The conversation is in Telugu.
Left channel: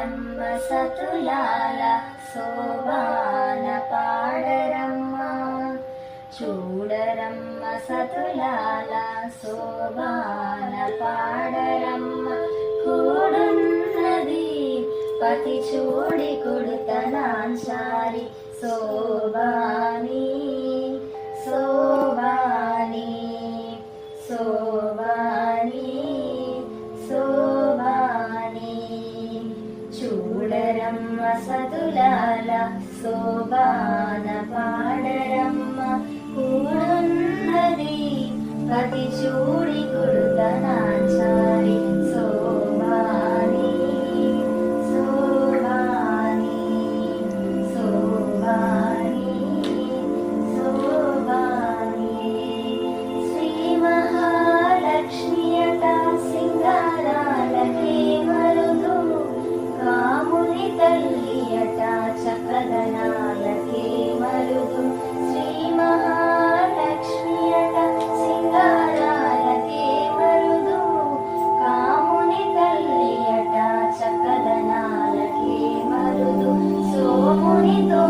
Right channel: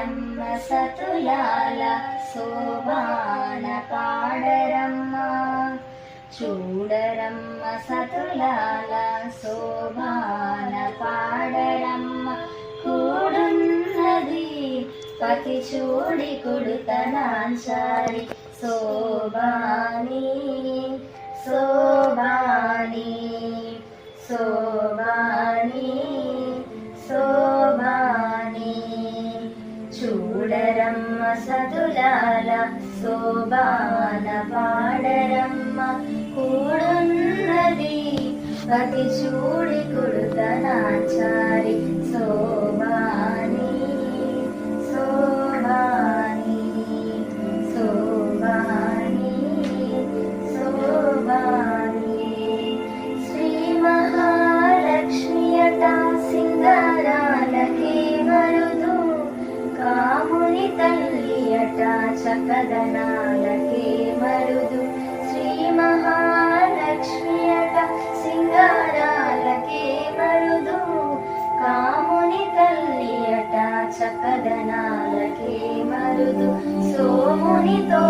చూడరమ్మ సతులాల శోభాన పాడరమ్మ, చూడరమ్మ సతులాల శోభాన పాడరమ్మ. కూడున్నది పతి చూడి కుడుతనాంచారి శోభాని శోభాని శోభాని శోభాని. చూడరమ్మ సతులాల శోభాన పాడరమ్మ, కూడున్నది పతి చూడి కుడుతనాంచారి శోభాని శోభాని శోభాని శోభాని. శ్రీ మహాలక్ష్మియట సింగారాలకే మరుదు, కాముని తల్లియట చకదనాలకే మరుదు. శ్రీ మహాలక్ష్మియట సింగారాలకే మరుదు, కాముని తల్లియట చకదనాలకే మరుదు. సోమునితో